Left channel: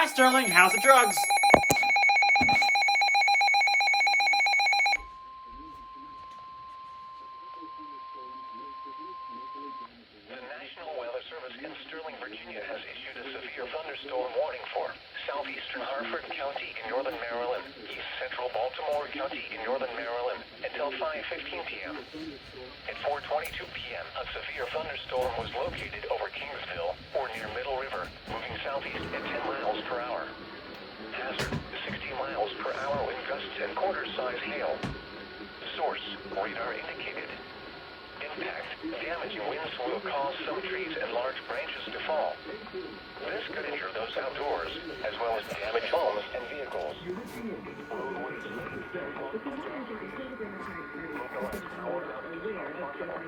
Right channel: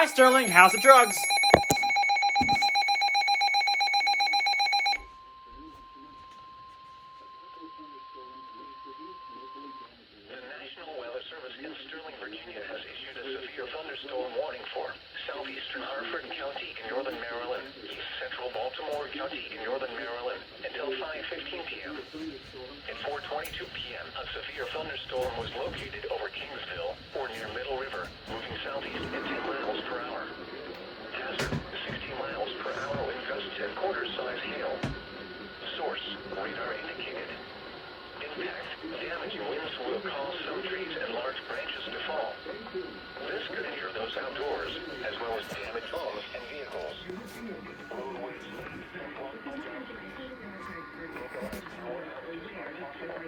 Hi, Sterling. How's the drugs? The National Weather Service in Sterling, Virginia has issued a severe thunderstorm warning for southeastern Harford County in northern Maryland, east central Baltimore County in northern Maryland until 5:15 p.m. At 4:22 p.m., a severe thunderstorm was located over Kingsville or near Middle River, moving southeast at 10 miles per hour. Hazard, 60 miles per hour with gusts and quarter-size hail. Source, radar indicated. Impact, damaging winds will cause some trees and large branches to fall. This could injure those outdoors, as well as damage homes and vehicles. Roadways blocked by dry trees. Localized power outages are possible.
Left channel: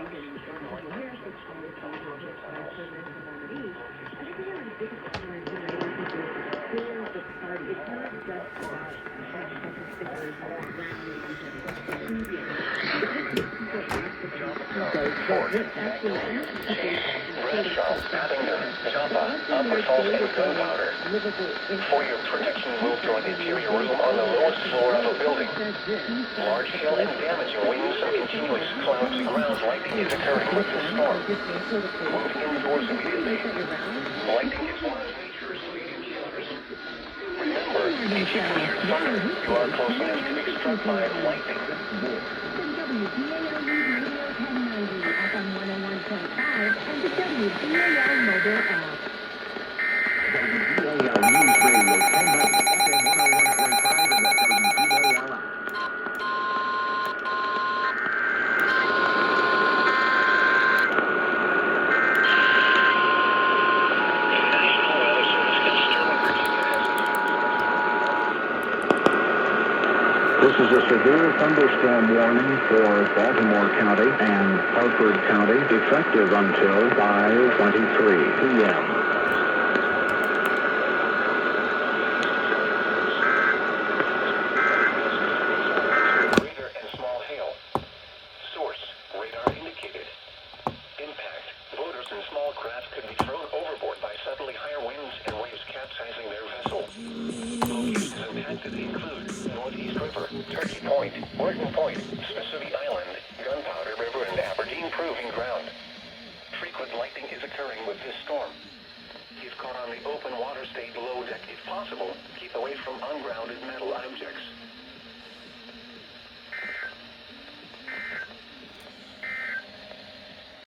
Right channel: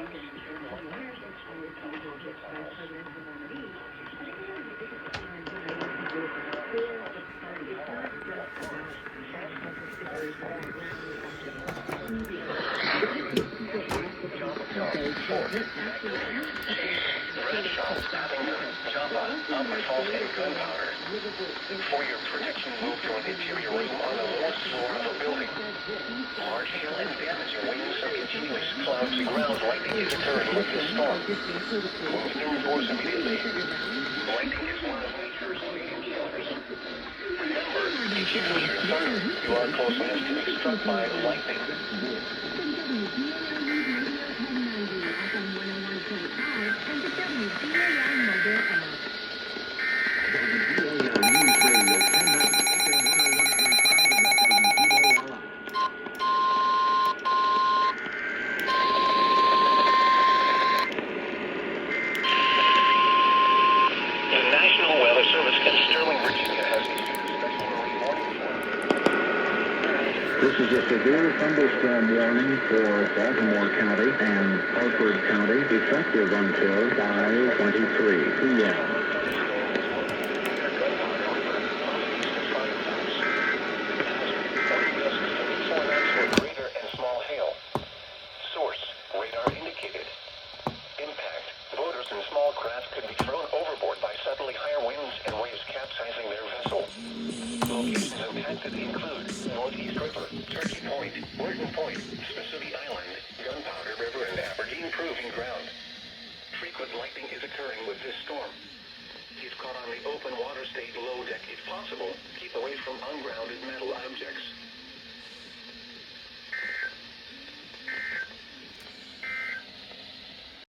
Unsecured lightning strikes will become projectiles. Upper salt and gunpowder. For your protection, move to an interior room on the lowest floor of a building. Large hail and damaging winds and continuous cloudy ground lightning is occurring with this storm. Move indoors immediately. Lightning is one of nature's leading killers. Remember, if you hear thunder, you are close enough to be struck by lightning. This is a severe thunderstorm warning for Baltimore County and Harford County, effective until 5:23 p.m. Radar and small hail. Source, radar indicated. Impact, boaters and small craft could be thrown overboard by suddenly higher winds and waves capsizing their vessel. Locations impacted include Northeast River, Turkey Point, Wharton Point, Mississippi Island, Gunpowder River, and Aberdeen Proving Ground. Frequent lightning is occurring with this storm. If caught on the open water, stay below deck if possible. Keep away from ungrounded metal objects.